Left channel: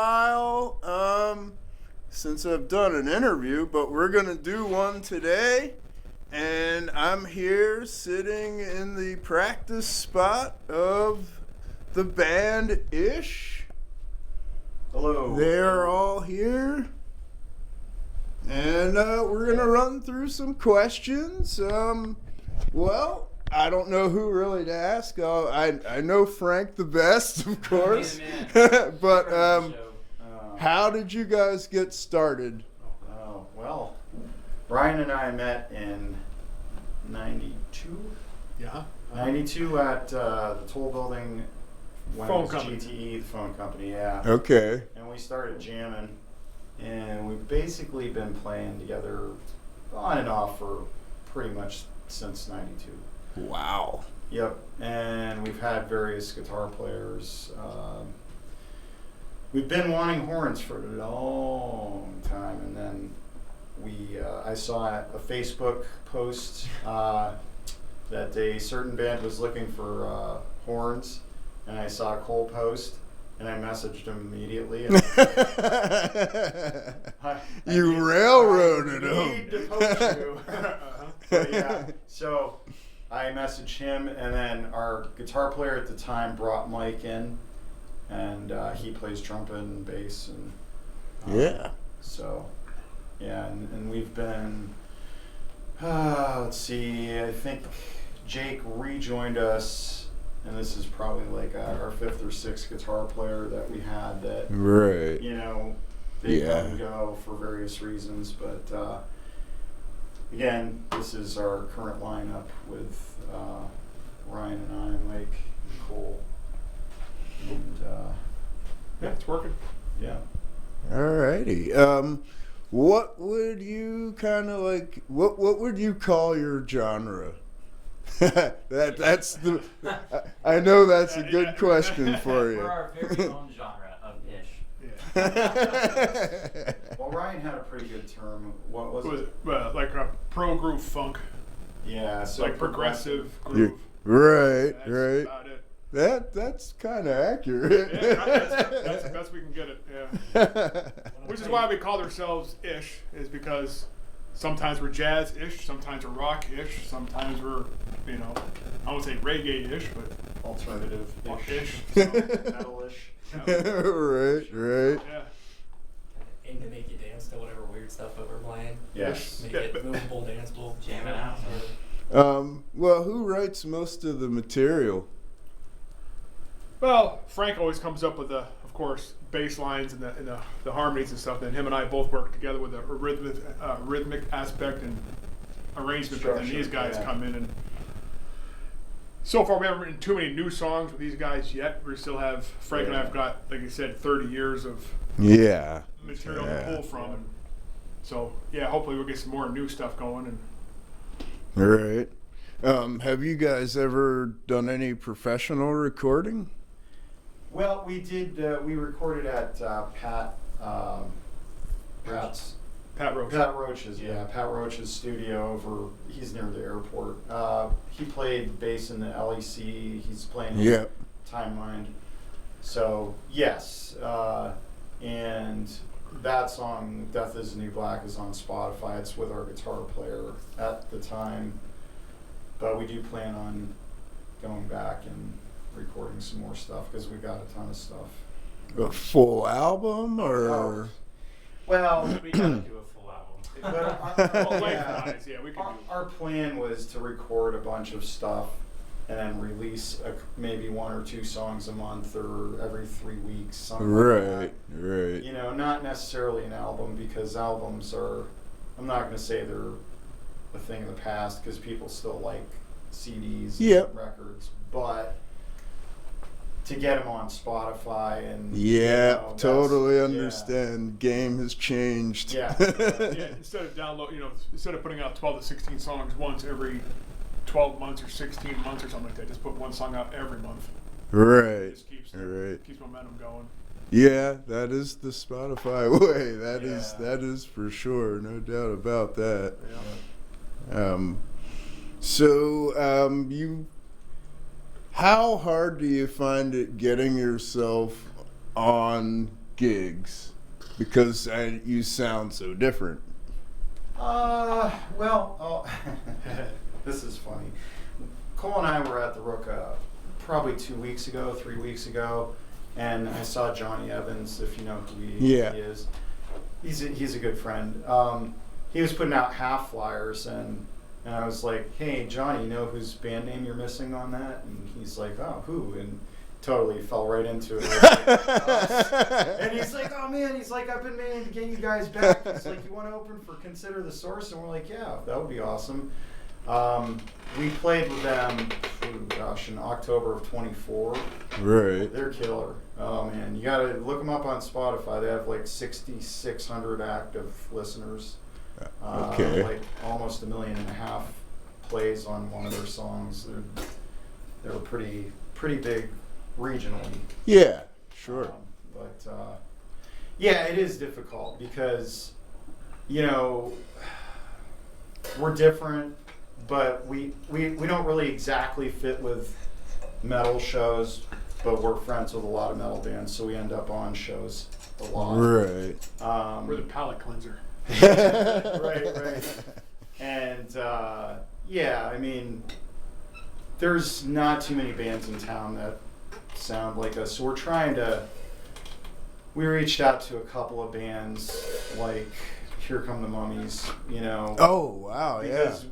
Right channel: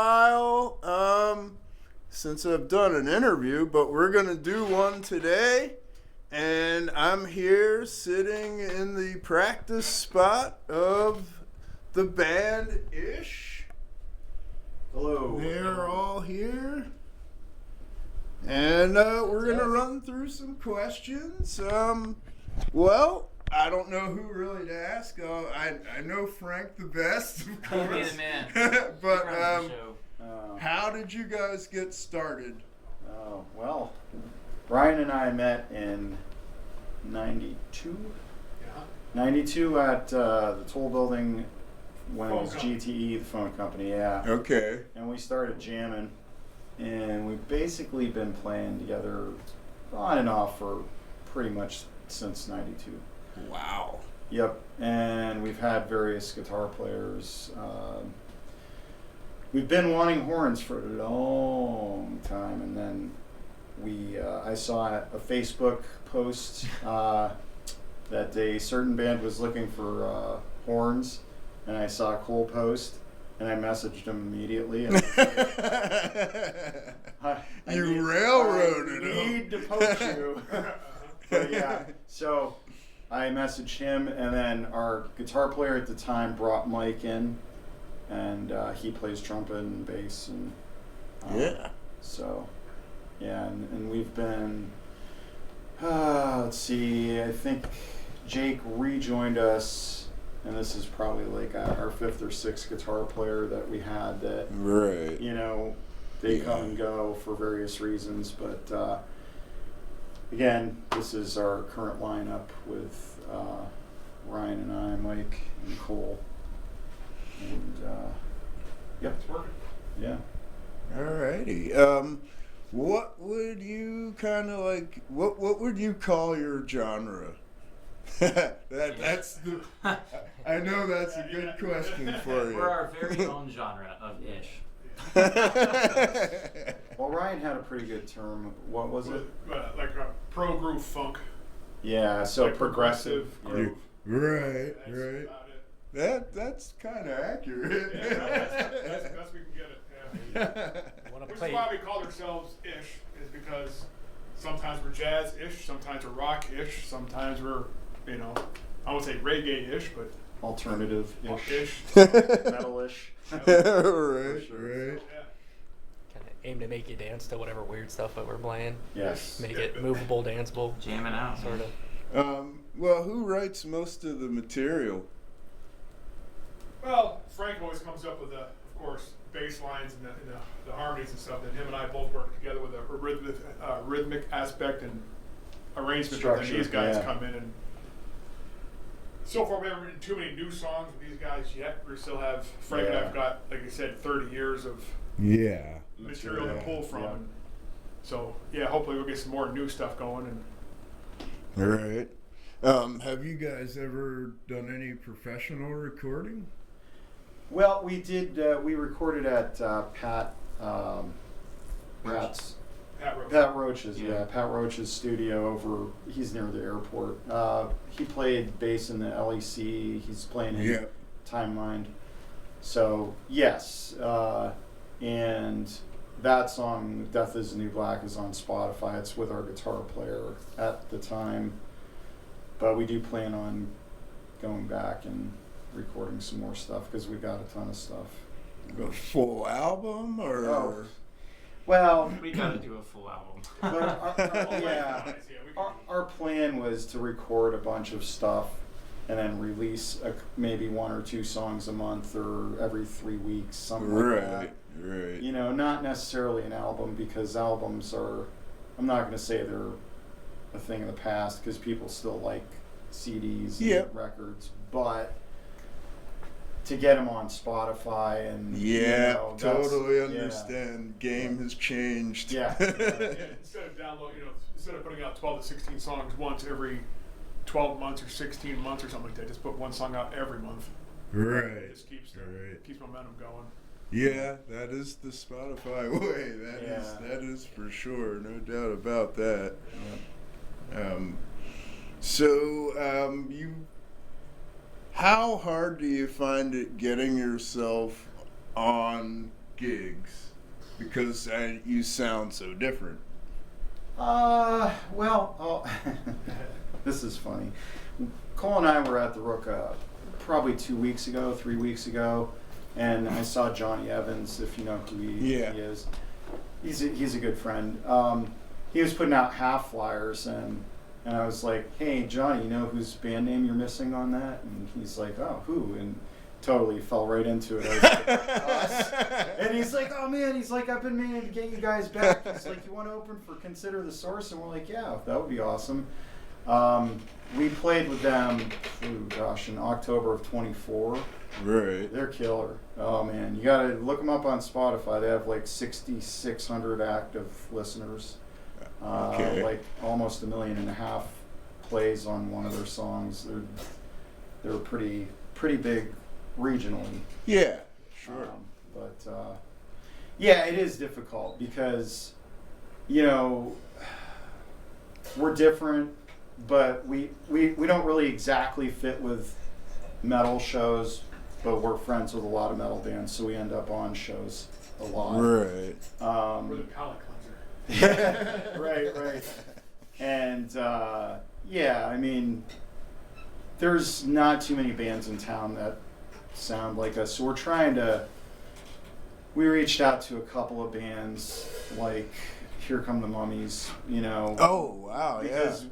while since I've done an interview, but we're going to do one today. And I'm here sitting in the practice spot of the band Ish. Hello. They're all here. And we're going to run through some questions. Well, I don't know who really to ask. I know Frank the best, of course. But how did you guys get started? Oh, well, Ryan and I met in 92? Yeah. 92 at the toll building when Phone it was company. GTE, the phone company, yeah. Okay. And we started jamming, and we've basically been playing together on and off for pretty much since 92. Wow. Yep, and we've had various guitar players. We've been wanting horns for a long time, and then I saw a Facebook post that a certain band was looking for horns, and I saw Cole post, and I messaged him immediately. And You railroaded I him. need to poach you. But yeah, so I messaged him, and then our guitar player at the time brought Mike in, and he plays trumpet and bass, and Yeah. so yeah, and we've been let's see, I think Jake rejoined us, and this is probably like our fifth or sixth guitar player that we had that, Right. you know, they Yeah. come and go for various reasons, but again, this is our current lineup with Ryan and I, Mike and Cole, and Yeah, it's working. yeah. Alrighty. What would you kind of like? What would you call your genre? That's the. I know that's a good question for you. We're our very own genre of ish. Well, Ryan had a pretty good term. What was it? Like a pro groove funk, Yeah, so like progressive groove. Right, That's right. about it. That's kind of accurate. Yeah, that's the best we can get it. Yeah. Which is why we call ourselves ish, is because sometimes we're jazz-ish, sometimes we're rock-ish, sometimes we're, I won't say reggae-ish, but Alternative-ish. ish. Metal-ish. Right, right. Yeah. Kind of aim to make you dance to whatever weird stuff that we're playing. Yes. Make it movable, danceable. Jamming out. Sort of. Well, who writes most of the material? Well, Frank always comes up with of course, bass lines and the harmonies and stuff. And him and I both work together with a rhythmic aspect and arrangement. But then Structure, these guys yeah. come in, and so far we haven't written too many new songs with these guys yet. We still have Frank and I have got, like you said, 30 years of Yeah. material to Yeah. pull from. Yeah. And so yeah, hopefully we'll get some more new stuff going. And All right. Have you guys ever done any professional recording? Well, we did. We recorded at Pat's. Pat Rose. Pat Roach's, yeah. Pat Roach's studio over. He's near the airport. He played bass in the LEC. He's playing in Yeah. Timemind. So yes, and that song, "Death Is the New Black," is on Spotify. It's with our guitar player at the time, but we do plan on going back and recording some more stuff because we got a ton of stuff. A full album or? Oh. Well, We gotta do a full album. but Oh, yeah. nice. Yeah, we can do Our plan was to record a bunch of stuff and then release maybe one or two songs a month or every 3 weeks, something like that. Right, right. You know, not necessarily an album, because albums are, I'm not going to say they're a thing of the past because people still like CDs and Yep. records, but to get them on Spotify and Yeah, that's- totally yeah. understand. Game has changed. Yeah. Yeah, instead of instead of putting out 12 to 16 songs once every 12 months or 16 months or something like that, just put one song out every month. Right. It just keeps Right. momentum going. Yeah, that is the Spotify way. Yeah. That is for sure. No doubt about that. Yeah. How hard do you find it getting yourself on gigs? Because you sound so different. This is funny. Cole and I were at the Rook probably 3 weeks ago, and I saw Johnny Evans, if you know who he is. He's a good friend. He was putting out half flyers, and I was like, hey, Johnny, you know whose band name you're missing on that? And he's like, oh, who? And totally fell right into it. I was like, us. And he's like, oh man, he's like, I've been meaning to get you guys back. He's like, you want to open for Consider the Source? And we're like, yeah, that would be awesome. We played with them, in October of 24. Right. They're killer. Oh man, you gotta look them up on Spotify. They have like 6,600 active listeners. Okay. Like almost 1.5 million plays on one of their songs. They're pretty big regionally. Yeah, sure. Yeah, it is difficult because, we're different, but we don't really exactly fit with metal shows, but we're friends with a lot of metal bands, so we end up on shows a lot. Right. We're the palate cleanser. Right. And yeah, I mean, there's not too many bands in town that sound like us, so we reached out to a couple of bands like Here Come the Mummies, Oh, wow, because,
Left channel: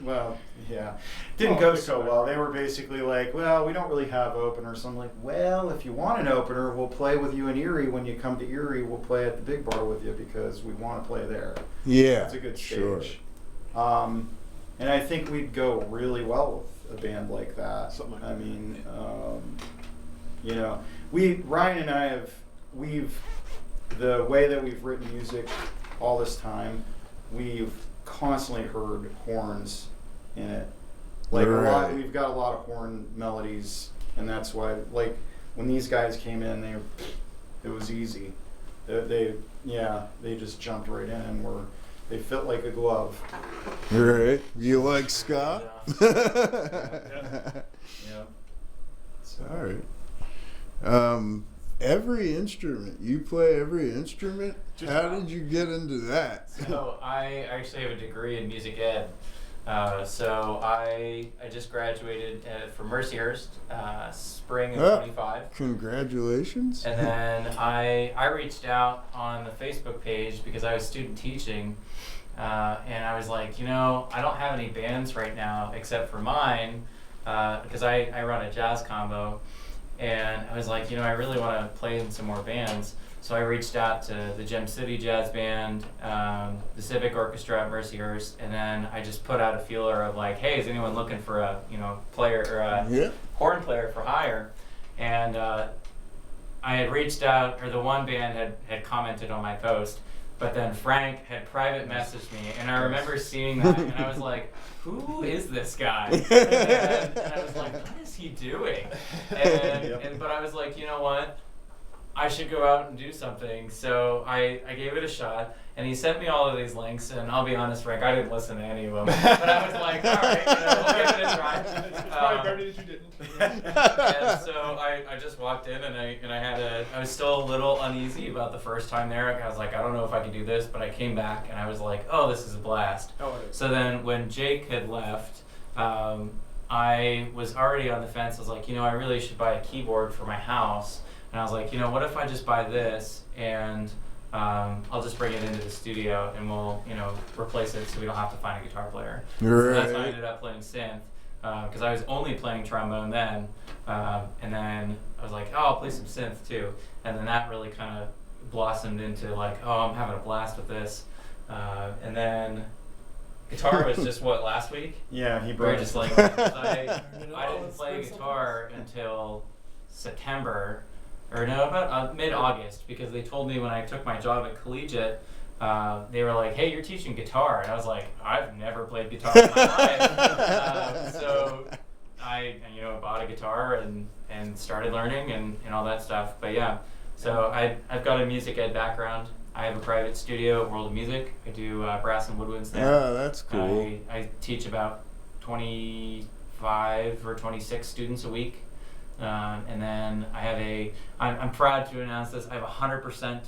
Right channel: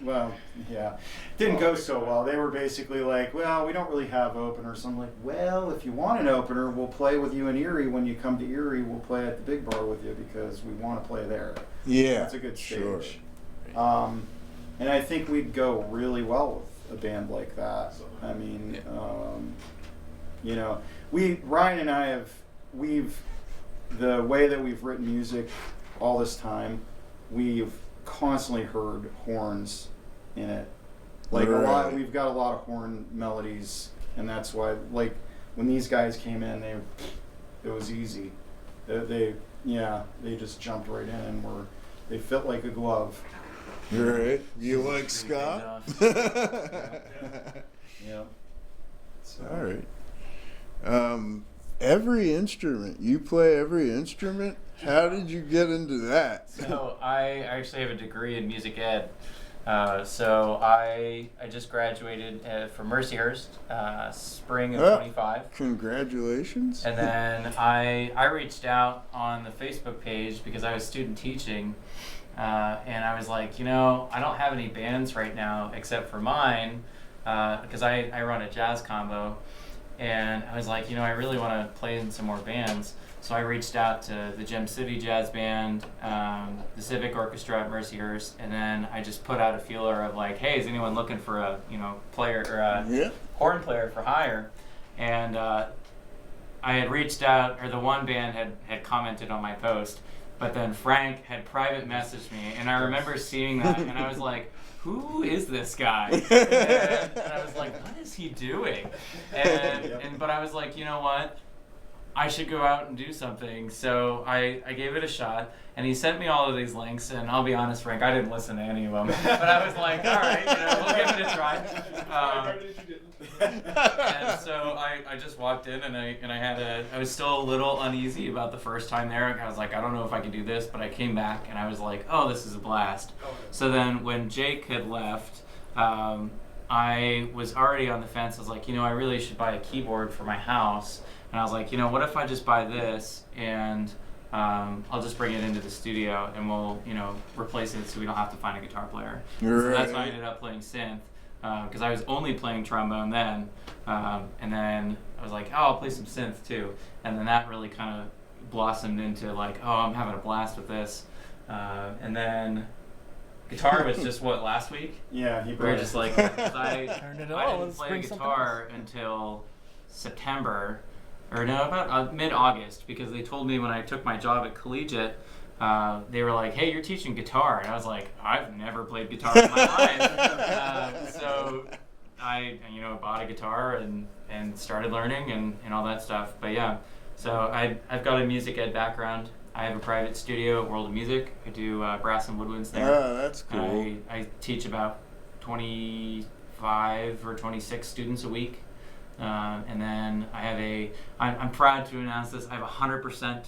well, yeah, didn't go so well. They were basically like, well, we don't really have openers. I'm like, well, if you want an opener, we'll play with you in Erie. When you come to Erie, we'll play at the Big Bar with you because we want to play there. Yeah. That's a good stage. Sure. And I think we'd go really well with a band like that. I mean, Ryan and I the way that we've written music all this time, we've constantly heard horns in it. Like right. We've got a lot of horn melodies, and that's why, like, when these guys came in, it was easy. They just jumped right in and they fit like a glove. Right. You like ska? Yeah. So. All right. Every instrument. You play every instrument? How did you get into that? So I actually have a degree in music ed. So I just graduated from Mercyhurst, spring of 25. Congratulations. And then I reached out on the Facebook page because I was student teaching, and I was like, I don't have any bands right now except for mine, because I run a jazz combo, and I was like, I really want to play in some more bands. So I reached out to the Gem City Jazz Band, the Civic Orchestra at Mercyhurst, and then I just put out a feeler of like, hey, is anyone looking for a player or a horn player for hire? And I had reached out, or the one band had commented on my post, but then Frank had private messaged me, and I remember seeing that, and I was like, who is this guy? And I was like, what is he doing? But I was like, you know what? I should go out and do something. So I gave it a shot, and he sent me all of these links, and I'll be honest, Frank, I didn't listen to any of them. But I was like, all right, we'll give it a try. And so I just walked in, and I was still a little uneasy about the first time there. I was like, I don't know if I can do this, but I came back, and I was like, oh, this is a blast. So then when Jake had left, I was already on the fence. I was like, I really should buy a keyboard for my house. And I was like, what if I just buy this and I'll just bring it into the studio and we'll, replace it so we don't have to find a guitar player. Right. So that's why I ended up playing synth, because I was only playing trombone then. And then I was like, oh, I'll play some synth too. And then that really kind of blossomed into like, oh, I'm having a blast with this. And then guitar was just last week? Yeah, he we brought were it. just like, I didn't play guitar until September. Or no, about mid-August, because they told me when I took my job at Collegiate, they were like, hey, you're teaching guitar. And I was like, I've never played guitar in my life. So I bought a guitar and started learning and all that stuff. But yeah, so I've got a music ed background. I have a private studio at World of Music. I do brass and woodwinds there. Oh, that's cool. I teach about 25 or 26 students a week. And then I'm proud to announce this, I have a 100%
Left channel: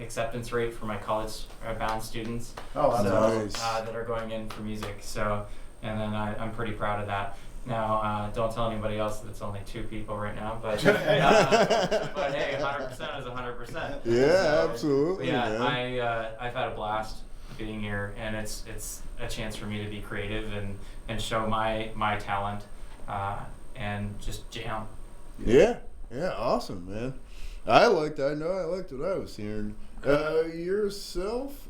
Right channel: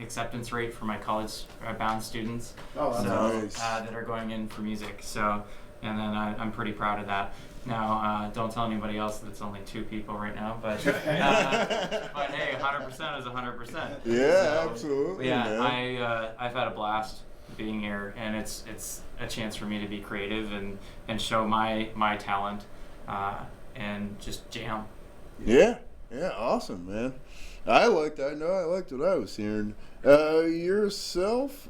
acceptance rate for my college-bound students. Oh, that's nice. That are going in for music. So, and then I'm pretty proud of that. Now, don't tell anybody else that it's only 2 people right now, but hey, 100% is 100%. Yeah, So, absolutely. yeah, Man. I've had a blast being here, and it's a chance for me to be creative and show my talent, and just jam. Yeah, awesome, man. I liked what I was hearing. Yourself,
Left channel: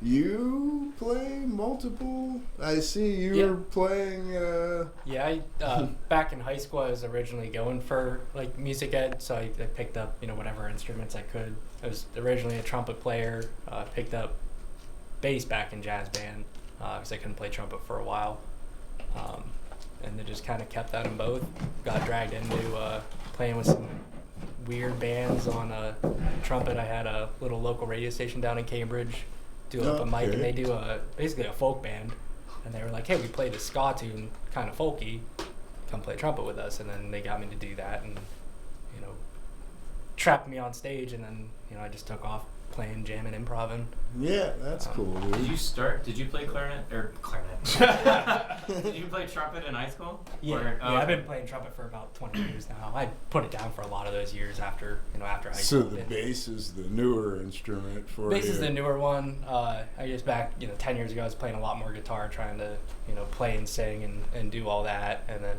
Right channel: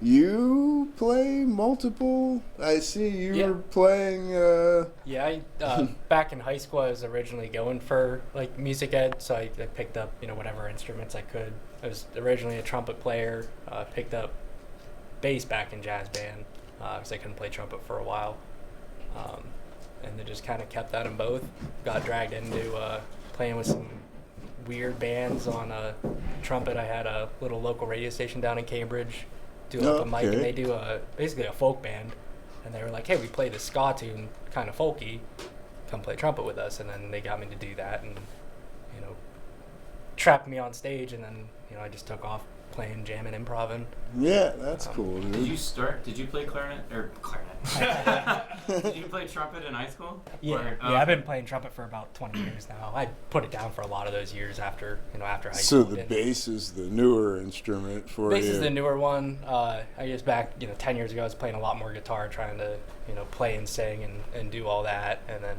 you play multiple. I see you Yeah. were playing. Yeah, back in high school, I was originally going for like music ed, so I picked up whatever instruments I could. I was originally a trumpet player. Picked up bass back in jazz band because I couldn't play trumpet for a while, and then just kind of kept that in both. Got dragged into playing with some weird bands on trumpet. I had a little local radio station down in Cambridge, do an open mic, and they do basically a folk band. And they were like, hey, we played a ska tune, kind of folky, come play trumpet with us. And then they got me to do that and, trapped me on stage. And then, I just took off playing, jamming, improvising. Yeah, that's cool, dude. Did you play clarinet? Did you play trumpet in high school? Yeah, Or- I've been playing trumpet for about 20 years now. I put it down for a lot of those years after high So school. the bass is the newer instrument for Bass you. is the newer one. I guess back, 10 years ago, I was playing a lot more guitar, trying to, play and sing and do all that. And then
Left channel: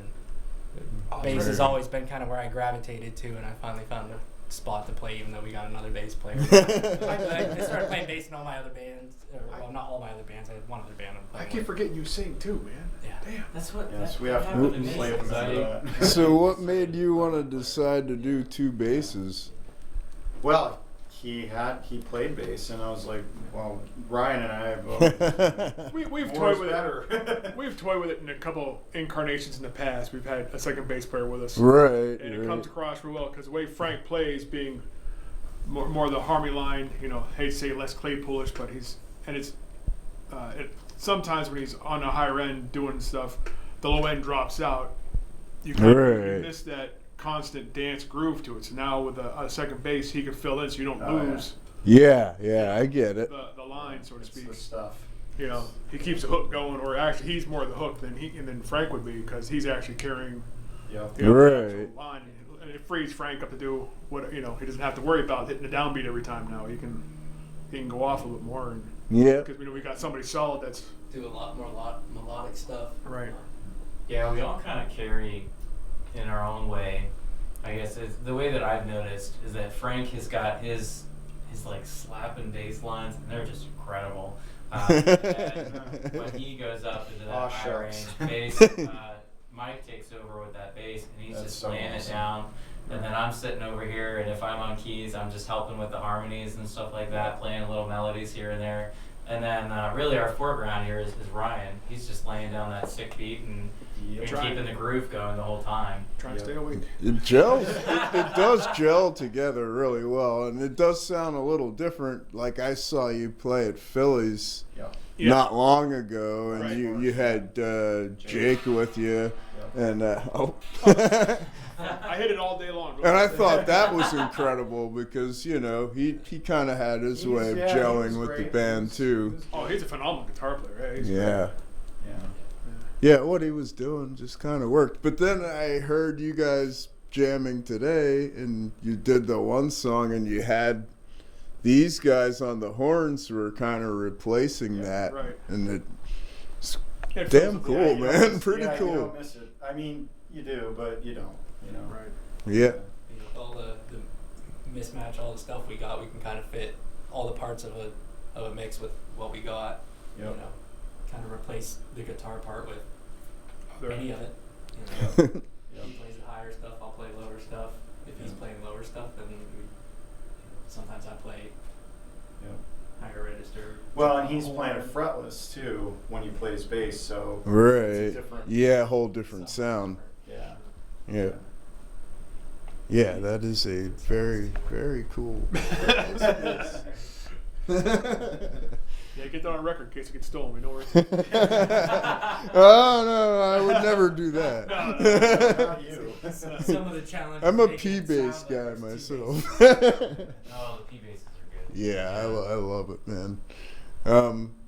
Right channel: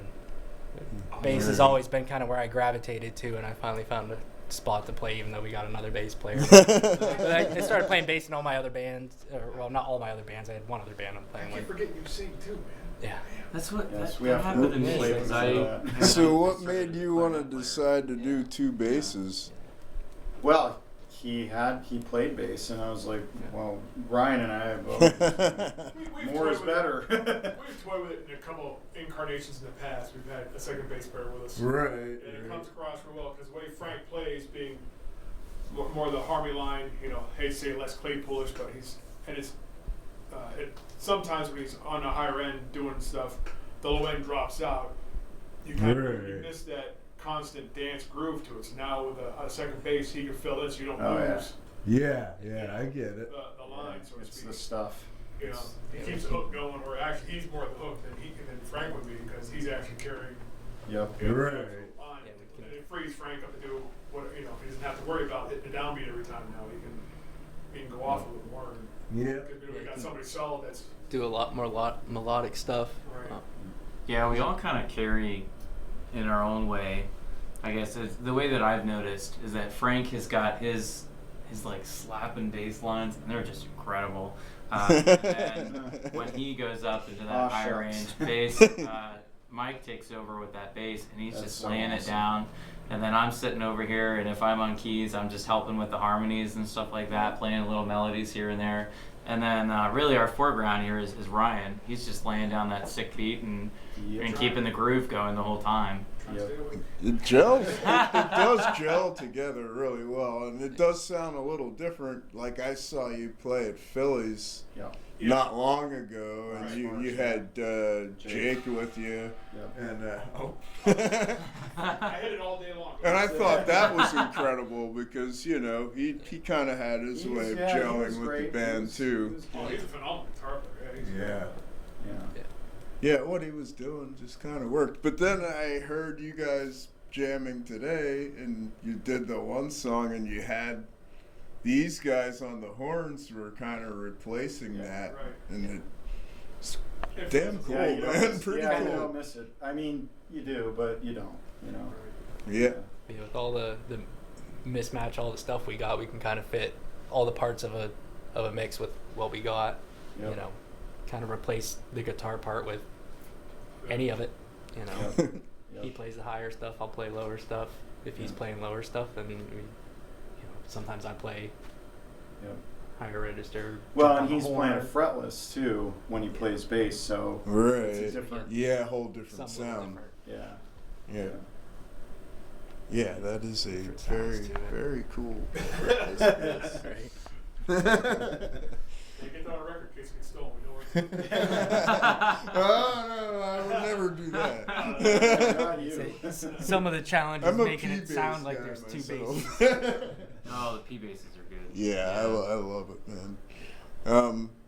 bass has always been kind of where I gravitated to, and I finally found a spot to play, even though we got another bass player. I started playing bass in all my other bands. Well, not all my other bands. I had one other band I'm I playing keep with. forgetting you sing too, man. Yeah. That's what. Yes, that, we that have happened to to me. play 'Cause for I- that. So what made you want to decide to do 2 basses? Well, he played bass, and I was like, well, Ryan and I have both. We've More toyed is with better. it. We've toyed with it in a couple incarnations in the past. We've had a second bass player with us, Right. and it comes across real well because the way Frank plays, being more the harmony line, hate to say less Claypoolish, but sometimes when he's on the higher end doing stuff, the low end drops out. You Right. miss that constant dance groove to it. So now with a second bass, he can fill in, so you don't Oh, yeah. lose Yeah, I get it. the line, so to It's speak. the stuff. He keeps the hook going, or actually he's more the hook than Frank would be because he's actually carrying Yep. the Right. actual line, and it frees Frank up to do what he doesn't have to worry about hitting the downbeat every time now. He can go off a little more, Yeah. because we got somebody solid that's Do a lot more melodic stuff. right. Yeah, we all kind of carry in our own way. I guess the way that I've noticed is that Frank has got his like slapping bass lines, and they're just incredible. And when he goes up into that Aw, high range shucks. bass, Mike takes over with that bass, and he's That's just so laying awesome. it down. And then I'm sitting over here, and if I'm on keys, I'm just helping with the harmonies and stuff like that, playing little melodies here and there. And then really our foreground here is Ryan. He's just laying down that sick beat and Yep. keeping the groove going the whole time. Trying to Yep. stay awake. It gels. It does gel together really well, and it does sound a little different. Like I saw you play at Phillies Yep. Yeah. not long ago, and Right. you had Jake with you, Yep. and I hit it all day long. and I thought that was incredible because he kind of had his He was- way of yeah, he was gelling with the great. band He too. was Oh, good. he's a phenomenal guitar player. Yeah. Yeah. Yeah. Yeah, what he was doing just kind of worked. But then I heard you guys jamming today, and you did the one song, and you had these guys on the horns were kind of replacing Yeah, that, right. and it's It damn feels- cool, Yeah, you don't man. miss- Pretty yeah, cool. You don't miss it. I mean, you do, but you don't. Right. Yeah, With all the mismatch, all the stuff we got, we can kind of fit all the parts of a mix with what we got. Yep. Kind of replace the guitar part with Other- any of it. Yep. He Yep. plays the higher stuff, I'll play lower stuff. If he's Yeah. playing lower stuff, then sometimes I play Yep. higher register. Well, and he's horn. playing a fretless too when he plays bass, so it's a right. different. Yeah, whole different sound. Yeah. Yeah, yeah, that is a very, very cool. Yeah, get that on record in case it gets stolen. We know where it's Oh no, I would never do that. Not you. Some of the challenges. I'm a making it P-bass sound like guy there's two myself. basses. Oh, the P bases are good. Yeah, I love it, man.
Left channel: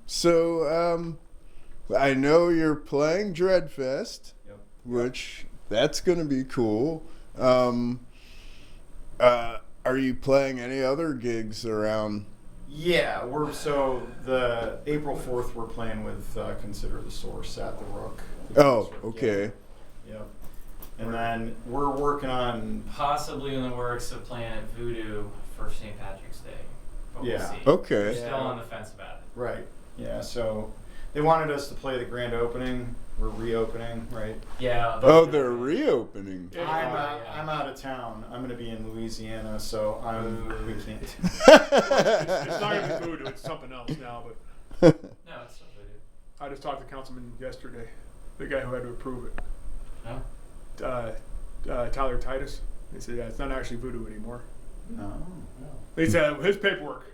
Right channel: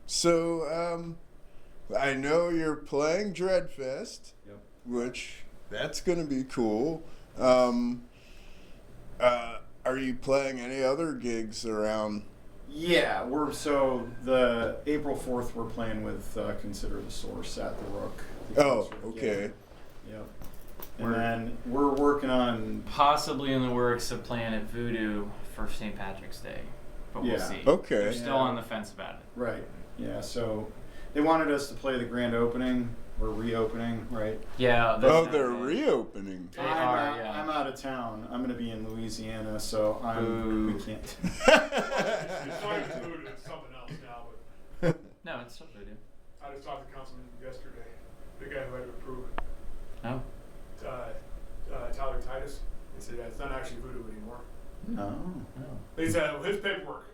So I know you're playing Dreadfest, Yep. which that's gonna be cool. Are you playing any other gigs around? Yeah, so the April 4th we're playing with Consider the Source at the Rook. Oh, okay. Yep. And then we're working on. Possibly in the works of playing at Voodoo for St. Patrick's Day, but we'll Yeah. see. Okay. We're still on the fence about it. Right. Yeah. So they wanted us to play the grand opening. We're reopening, right? Yeah. Oh, they're reopening. They are, yeah. I'm out of town. I'm going to be in Louisiana, so we can't. It's not even Voodoo, it's something else now. But No, it's still Voodoo. I just talked to Councilman yesterday, the guy who had to approve it. Oh. Tyler Titus. He said, yeah, it's not actually Voodoo anymore. Oh. He said his paperwork.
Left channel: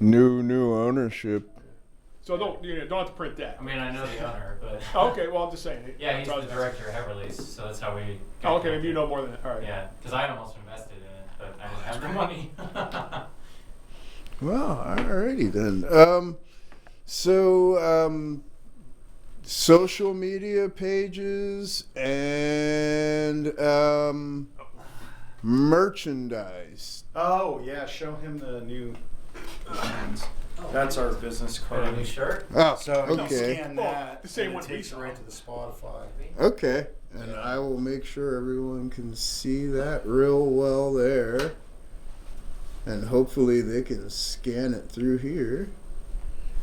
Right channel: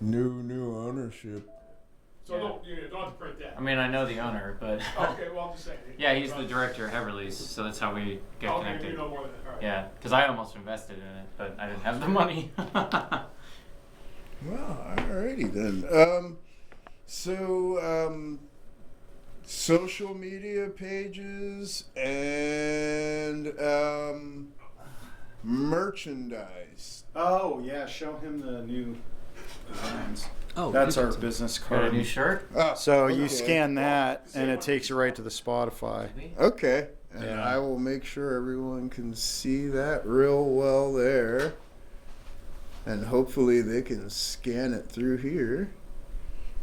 New ownership. So don't have to print that. I mean, I know the owner, but Okay, well I'm just saying. yeah, he's the director of Heverly's, so that's how we got Okay, connected. you know more than that. All right. Yeah, because I almost invested in it, but I didn't have the money. Well, alrighty then. Social media pages and merchandise. Oh yeah, show him the new designs. Oh, That's our business Got a card. new shirt? Oh, So okay. you scan that, The same and it one takes you right to the Spotify. Okay, and Yeah. I will make sure everyone can see that real well there. And hopefully they can scan it through here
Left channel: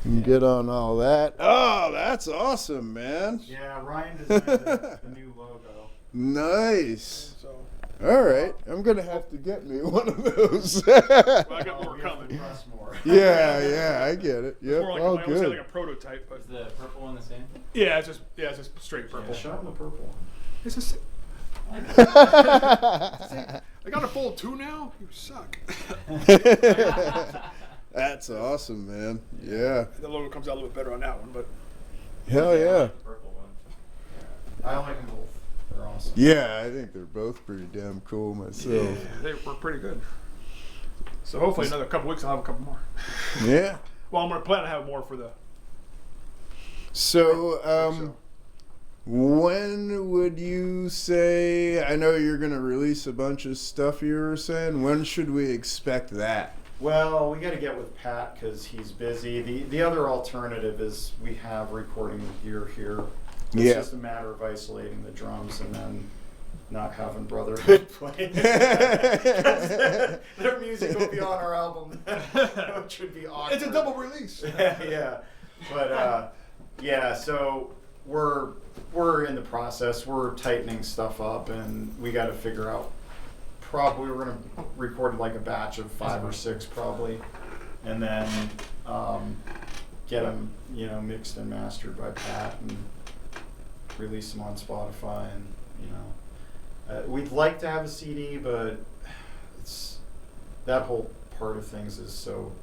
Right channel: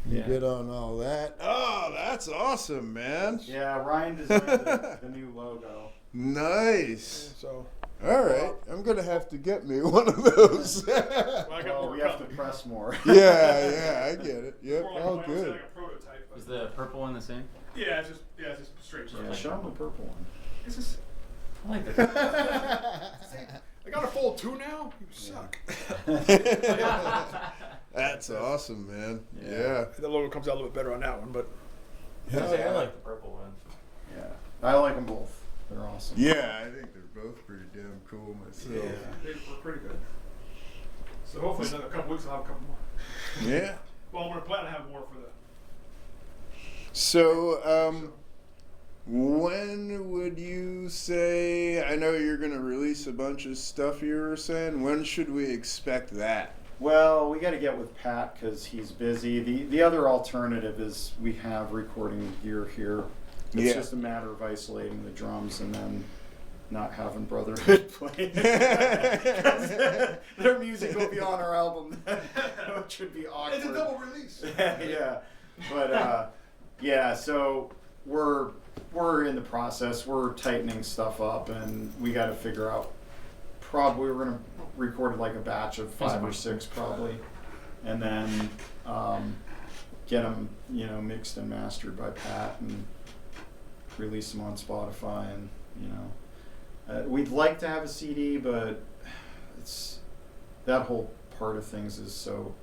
and Yeah. get on all that. Oh, that's awesome, man. Yeah, Ryan designed the new logo. Nice. So All right, I'm gonna have to get me one of those. well, I got Oh, more we have to coming. press more. yeah, I get it. Yep, More like all I would say good. like a prototype, but Is the purple one the same? yeah, it's just straight purple. Yeah, show him the purple one. This is, I like that. I got a fold 2 now. You suck. That's awesome, man. Yeah. The logo comes out a little bit better on that one, but Hell I yeah. like the purple one. Yeah, I like them both. They're awesome. Yeah, I think they're both pretty damn cool myself. they were pretty good. So hopefully another couple weeks I'll have a couple more. Yeah. Well, I'm gonna plan to have more for the. So, when would you say? I know you're gonna release a bunch of stuff. You were saying. When should we expect that? Well, we got to get with Pat because he's busy. The other alternative is we have recording gear here. It's Yeah. just a matter of isolating the drums and then not having Brotherhood play. Their music will be on our album, which would be awkward. It's a double release. Yeah, but yeah. So we're in the process. We're tightening stuff up, and we got to figure out. Probably we're gonna record like a batch of 5 or 6 probably, and then get them mixed and mastered by Pat and release them on Spotify. And we'd like to have a CD, but it's that whole part of things is so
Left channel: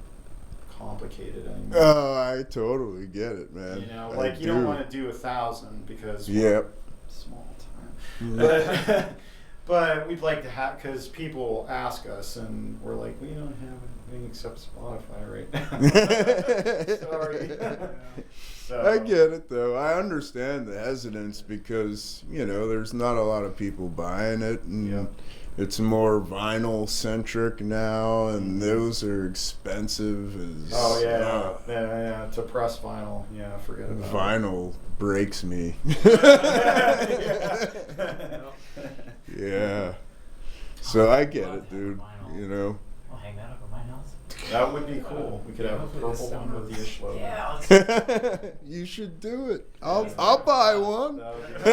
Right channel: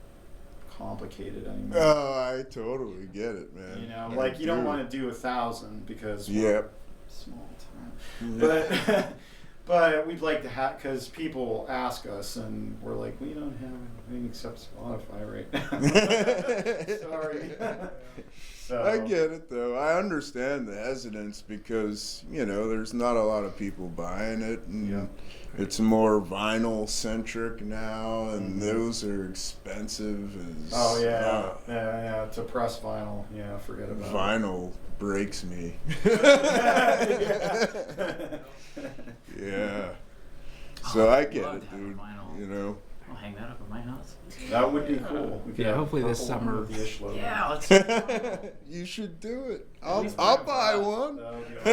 complicated anymore. Oh, I totally get it, man. You don't want to do 1,000 because Yep. small time. But we'd like to have, because people ask us, and we're like, we don't have anything except Spotify right now. Sorry. So, I get it though. I understand the hesitance because there's not a lot of people buying it, and Yeah. it's more vinyl centric now, and those are expensive as. Oh yeah. To press vinyl, forget about Vinyl breaks me. Yeah. So I get love it, dude. vinyl. I'll hang that up at my house. it. That would be cool. We could Yeah, have hopefully a this purple one summer. with the Ish logo. Yeah, let's You should do it. I'll buy one. That would be bring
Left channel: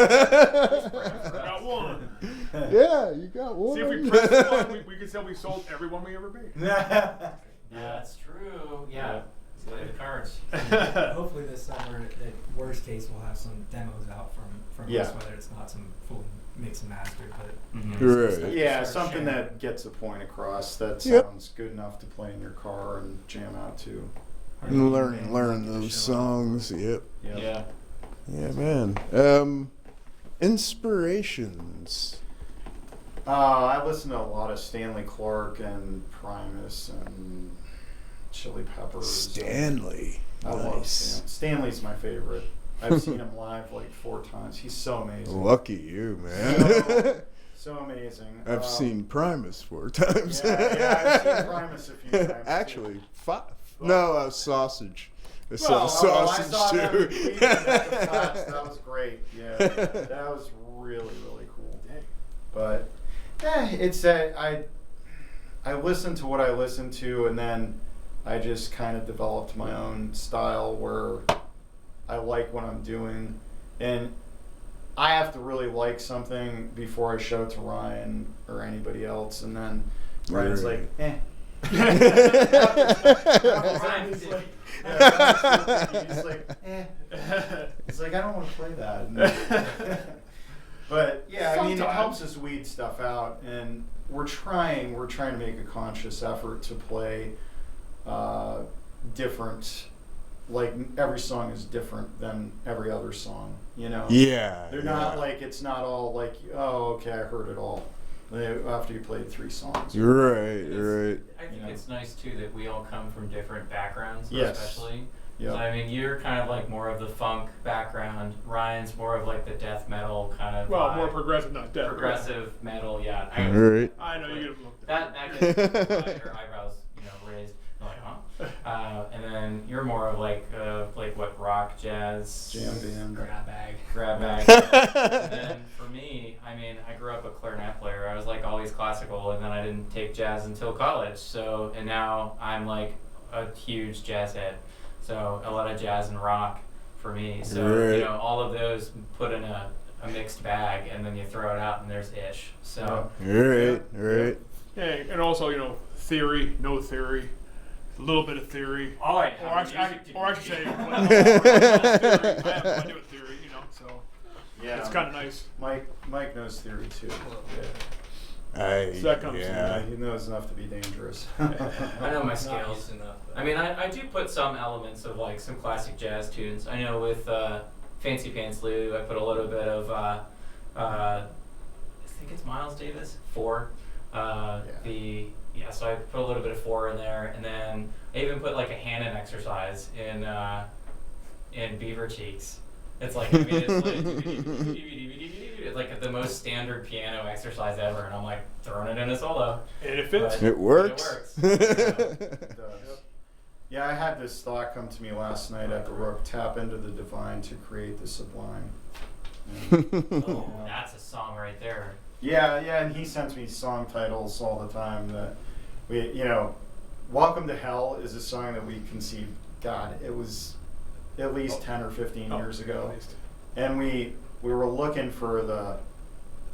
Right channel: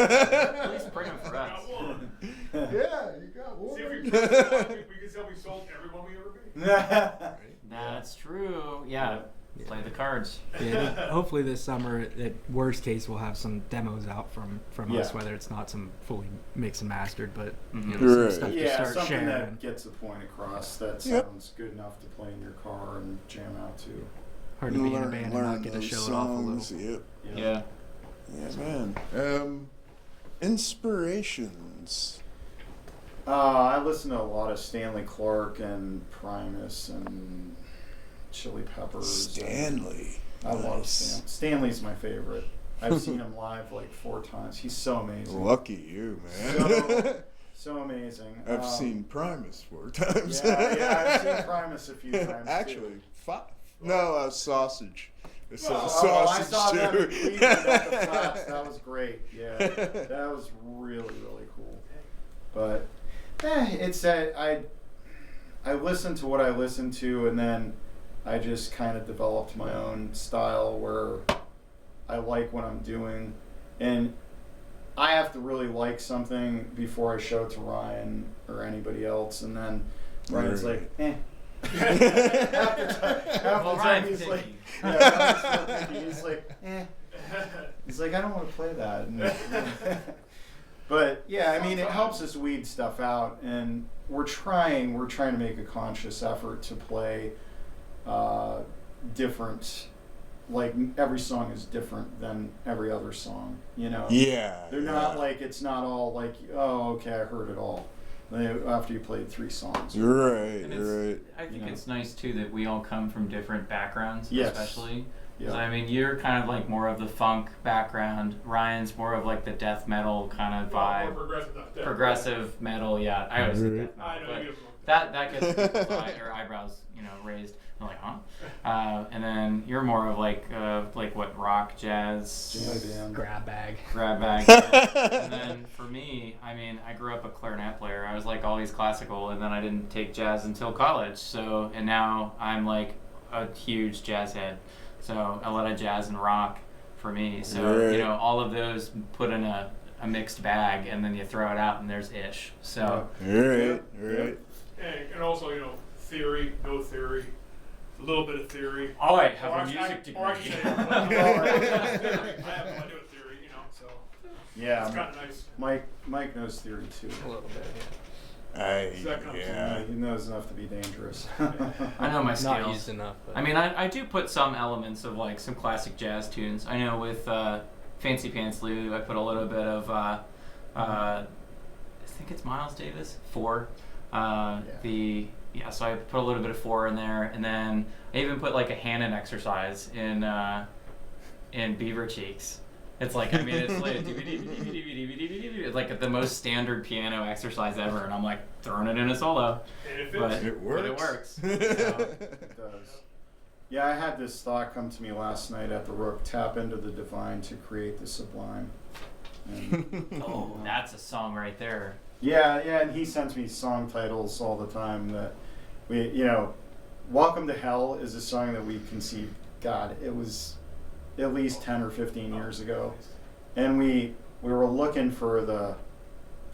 it for Got us. one. Yeah, you got one. See if we press one, we can say we sold every one we ever made. That's true. Yeah. Play the card. yards. Hopefully this summer, at worst case, we'll have some demos out from Yeah. us, whether it's not some fully mixed and mastered, but Mhm. some Right. stuff to Yeah, start something sharing. that gets a point across that Yep. sounds good enough to play in your car and jam out to. Hard to be in a band Learn and not learn get to those show off a songs. little. Yep. Yeah. Yeah, man. Inspirations. I listen to a lot of Stanley Clark and Primus and Chili Peppers. Stanley. I love Nice. Stan. Stanley's my favorite. I've seen him live like 4 times. He's so amazing. Lucky you, man. So amazing. I've seen Primus 4 times. Yeah, I've seen Primus a few times. too. Actually, 5. No, sausage. I saw Oh, I sausage saw that too. in Cleveland at the Flats. That was great. Yeah, that was really, really cool. But it's I listened to what I listened to, and then I just kind of developed my own style where I like what I'm doing, and I have to really like something before I show it to Ryan or anybody else, and then Ryan's Right. like, eh. He's like, he's like, eh. He's like, I don't want to play that. But yeah, I mean, it helps us weed stuff out, and we're trying to make a conscious effort to play different. Like every song is different than every other song, you know. Yeah. They're not like, it's not all like, oh, okay, I heard it all. After you played 3 songs. Right, And right. I think You know. it's nice too that we all come from different backgrounds, Yes. especially. Yeah. So, I mean, you're kind of like more of the funk background. Ryan's more of like the death metal kind of Well, more vibe. progressive, not death. Progressive metal, yeah. I was, Right. I know you get that gets your eyebrows, raised. I'm like, huh? And then you're more of like what, rock, jazz, Jam band. Grab bag. grab bag. And then for me, I mean, I grew up a clarinet player. I was like always classical, and then I didn't take jazz until college. So, and now I'm like a huge jazz head. So a lot of jazz and rock for me. So, Right. all of those put in a mixed bag, and then you throw it out, and there's ish. So, Right, right. Yeah, and also, theory, no theory, a little bit of theory. oh, I Or I should say, I have plenty of theory, so Yeah. it's kind of nice. Mike knows theory too. Second. Yeah. He knows enough to be dangerous. I know my Not scales. used enough. But I mean, I do put some elements of like some classic jazz tunes. I know with Fancy Pants Lou, I put a little bit of I think it's Miles Davis 4. So I put a little bit of 4 in there, and then I even put like a Hannon exercise in Beaver Cheeks. It's like, I mean, it's like the most standard piano exercise ever, and I'm like throwing it in a solo. And it fits. But It works. It works. It does. Yeah, I had this thought come to me last night at the Rook: tap into the divine to create the sublime. And, Oh, that's a song right there. yeah, and he sends me song titles all the time that Welcome to Hell is a song that we conceived, God, it was at least 10 or 15 years ago. And we were looking for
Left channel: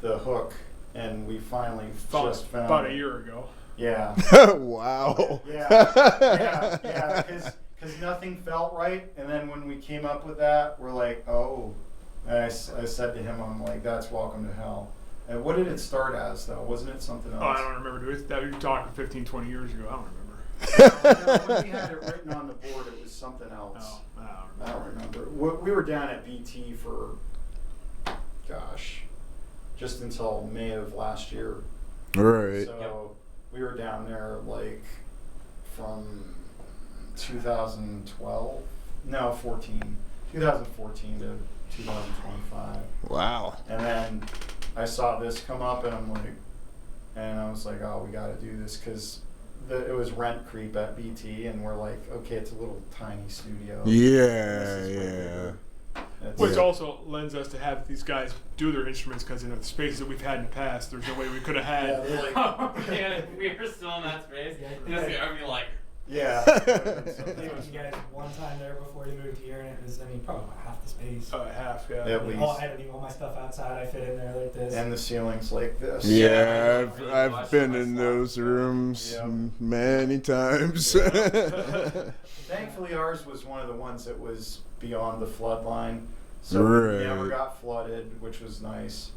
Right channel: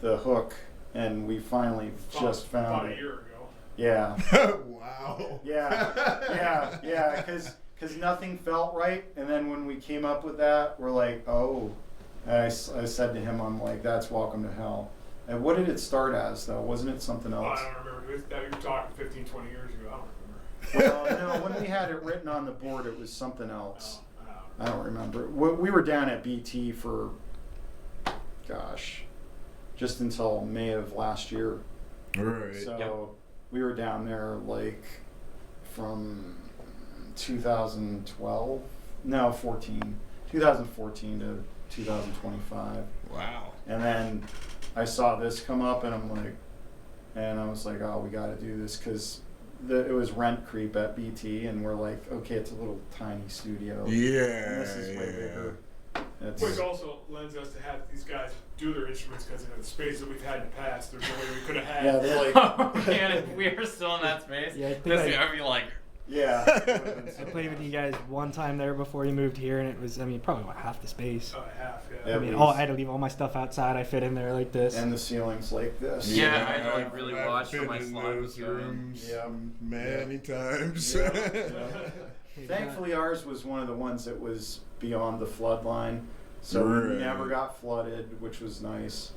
the hook, and we finally just found about it. a year ago. Yeah. Wow. Yeah, because nothing felt right, and then when we came up with that, we're like, oh. And I said to him, I'm like, that's Welcome to Hell. And what did it start as, though? Wasn't it something Oh, else? I don't remember. That you were talking 15, 20 years ago. I don't remember. No, when we had it written on the board, it was something else. Oh, I don't remember. We were down at BT for, gosh, just until May of last year. Right. So we were down there like from 2014 to 2025. Wow. And then I saw this come up, and I was like, oh, we got to do this, because it was Rent Creep at BT, and we're like, okay, it's a little tiny studio. And this is way bigger. Which also lends us to have these guys do their instruments, because the spaces that we've had in the past, there's no way we could have had. Yeah, they're like, Oh, man, if we were still in that space, Yeah, I'd be like, Yeah. I played with you guys one time there before you moved here, and it was, I mean, probably about half the space. Half, yeah. Yeah. I mean, I had to leave all my stuff outside. I fit in there like this. And the ceiling's like this. Yeah, I Yeah, don't really I've watch been my in slots, those so, rooms yeah. many times. Thankfully, ours was one of the ones that was beyond the flood line, so Right. we never got flooded, which was nice.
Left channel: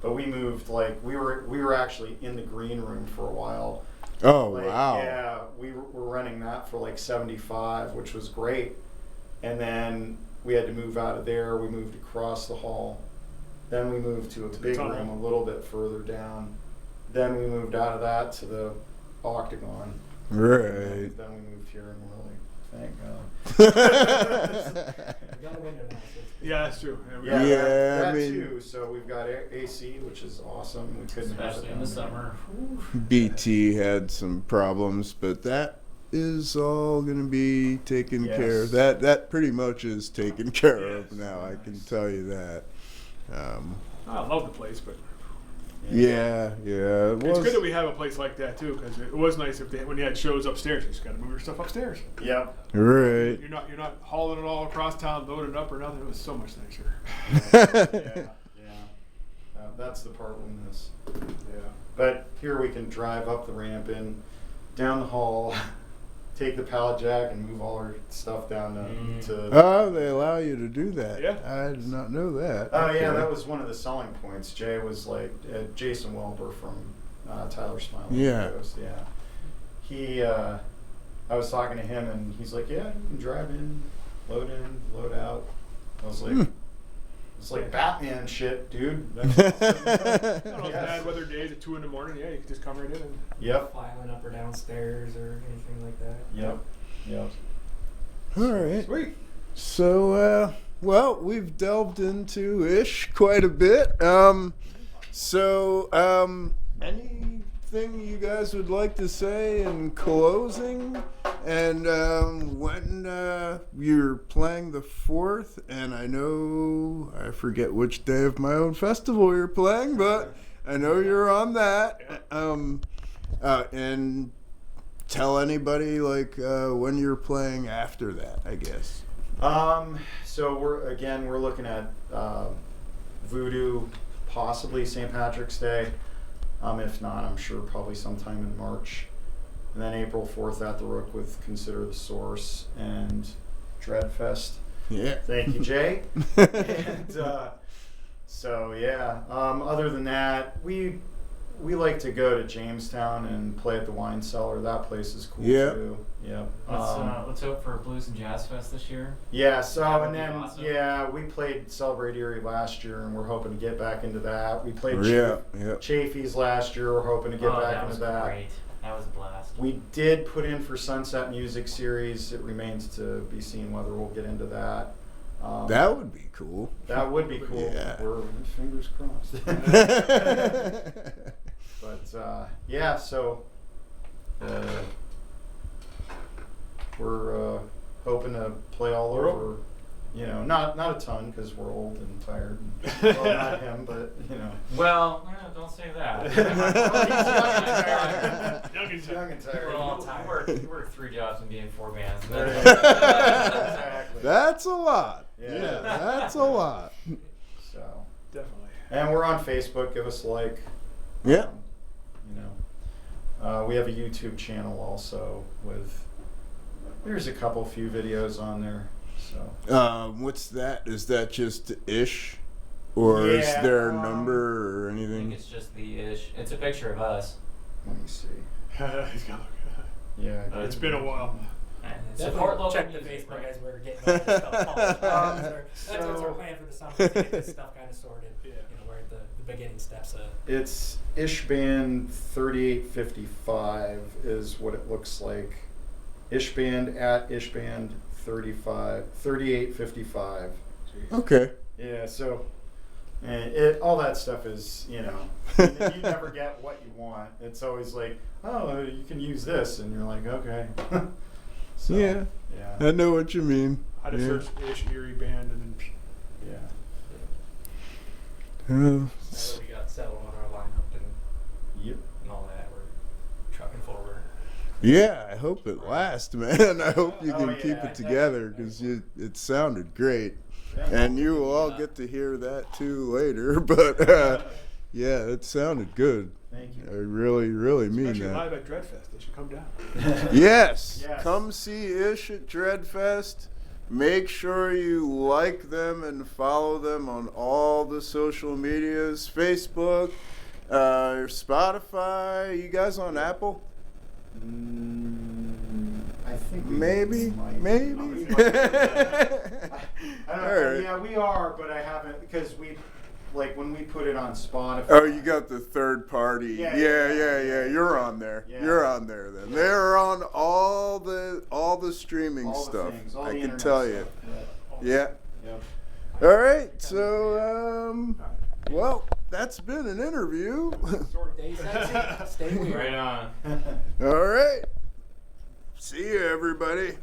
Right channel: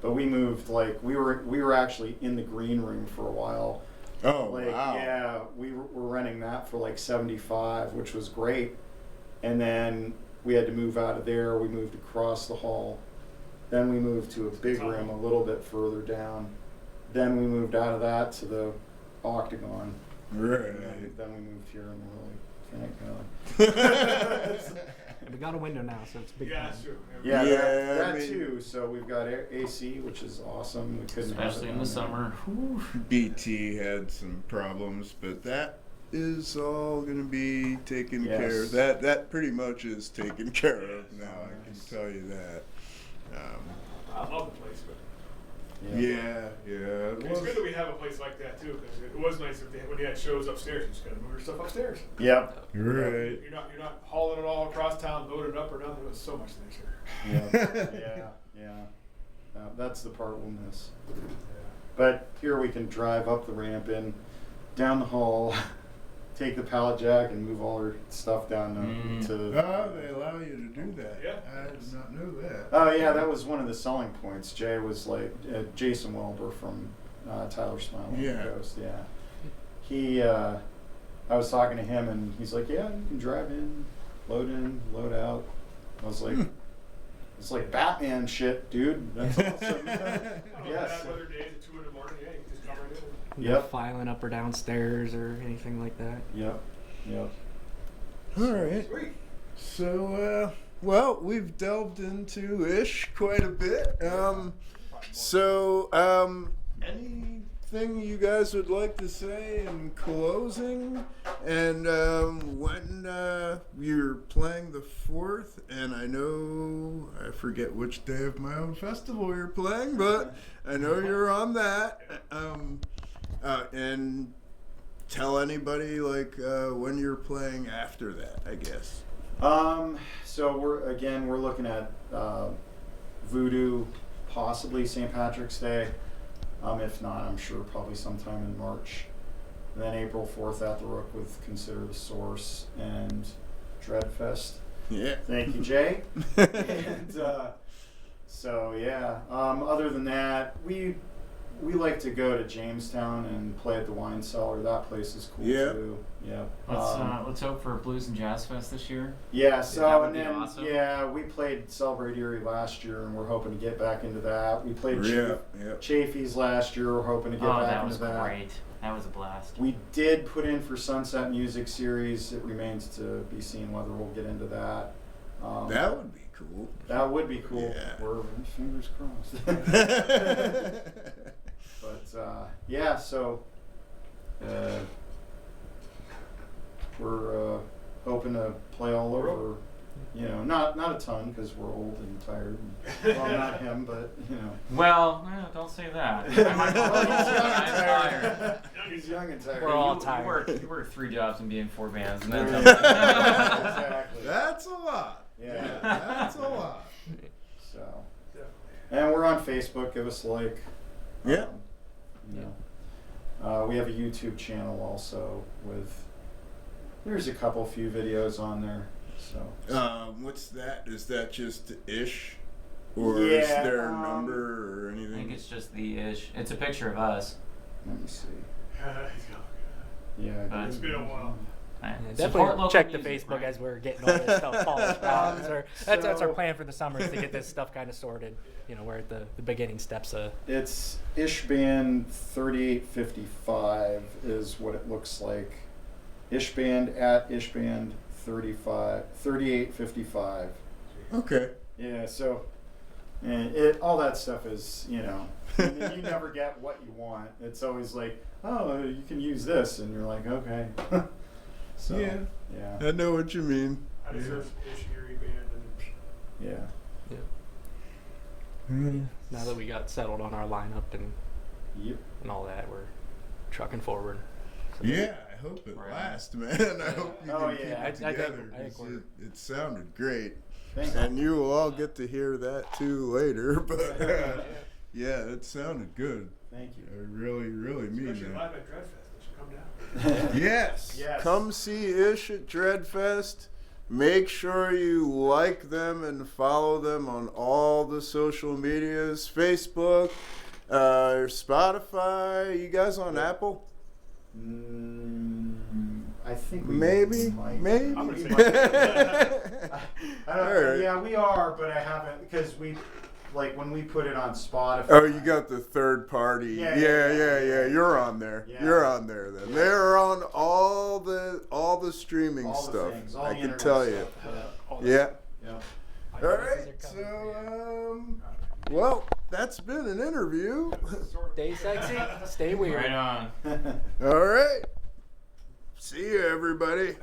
But we moved, like, we were actually in the green room for a while. Oh, Like, wow. Yeah, we were renting that for like $75, which was great. And then we had to move out of there. We moved across the hall. Then we moved to a big room a little bit further down. Then we moved out of that to the octagon. Right. Then we moved here, and we're like, thank God. We got a window now, so it's big. Yeah, that's true. Yeah, Yeah, that I mean- too. So we've got AC, which is awesome. We couldn't have Especially it in the down there. summer. Whew. BT had some problems, but that is all going to be taken Yes. care of. That pretty much is taken care of Yes. now, I can tell you that. I love the place, but Yeah, it it's was. good that we have a place like that too, because it was nice when you had shows upstairs. You just got to move your stuff upstairs. Yep. Right. You're not hauling it all across town, loading it up or nothing. It was so much nicer. Yeah. That's the part we'll miss. Yeah. But here we can drive up the ramp and down the hall, take the pallet jack and move all our stuff down to. Oh, they allow you to do that. Yeah. I did not know that. Oh yeah, that was one of the selling points. Jay was like Jason Welber from Tyler Smile. Yeah. Ghost, yeah. He, I was talking to him and he's like, yeah, you can drive in, load out. I was like, it's like Batman shit, dude. That's awesome. On Yes. bad weather days at 2 in the morning, yeah, you can just come right in. Yep. Filing up or downstairs or anything like that. Yep. All right. Sweet. So, well, we've delved into Ish quite a bit. Anything you guys would like to say in closing? And when you're playing the 4th, and I forget which day of my own festival you're playing, but I know you're on that. And tell anybody when you're playing after that, I guess. So we're looking at Voodoo, possibly St. Patrick's Day. If not, I'm sure probably sometime in March. And then April 4th at the Rook with Consider the Source and Dreadfest. Yeah. Thank you, Jay. And other than that, we like to go to Jamestown and play at the Wine Cellar. That place is cool too. Yeah. Let's hope for Blues and Jazz Fest this year. Yeah, That so would and be then awesome. we played Celebrate Erie last year, and we're hoping to get back into that. We played Yeah. Chafee's last year. We're hoping to get Oh, back that into was that. great. That was a blast. We did put in for Sunset Music Series. It remains to be seen whether we'll get into that. That would be cool. That would be cool. Yeah. We're fingers crossed. But so we're hoping to play all over. You know, not a ton because we're old and tired. And, well, not him, but you know. Well, no, don't say that. He's young and tired. We're all You tired. You work 3 jobs and be in 4 bands. And Right. that's Exactly. That's a lot. Yeah. That's a lot. So, Definitely. and we're on Facebook. Give us a like. Yeah. We have a YouTube channel also with. There's a few videos on there. So. What's that? Is that just Ish? Or is Yeah, there a number or I think anything? it's just the ish. It's a picture of us. Let me see. He's got- Yeah. I It's do. been a while. Right. Definitely Support local check the music, Facebook right? as we're getting all this stuff polished out. That's our So- plan for the summer is to get this stuff kind of sorted. You know, we're at the beginning steps. It's Ishband 3855 is what it looks like. Ishband at Ishband 3855. Okay. Yeah, so all that stuff is, you never get what you want. It's always like, oh, you can use this, and you're like, okay. So, Yeah. yeah, I know what you mean. I just Yeah. searched Ish Erie band and then yeah. Now that we got settled on our lineup Yep. and all that, we're trucking forward. Yeah, I hope it lasts, man. I hope you Oh, can keep yeah. it together because it sounded great. Thank you. And you will all get to hear that too later. But yeah, it sounded good. Thank I you. really, really mean Especially that. live at Dreadfest. They should come down. Yes, Yes. come see Ish at Dreadfest. Make sure you like them and follow them on all the social medias, Facebook, Spotify. You guys on Apple? I think we Maybe, might. maybe. I'm gonna I don't All right. Yeah, we are, but I haven't because we, like when we put it on Spotify. Oh, you got the third party. Yeah, Yeah. You're on there. Yeah. You're on there then. Yeah. They're on all the streaming all the stuff. things, all I the can internet tell you. stuff. Yeah. Yeah. All right. So, well, that's been an interview. Stay sexy, stay weird. Right on. All right. See you, everybody.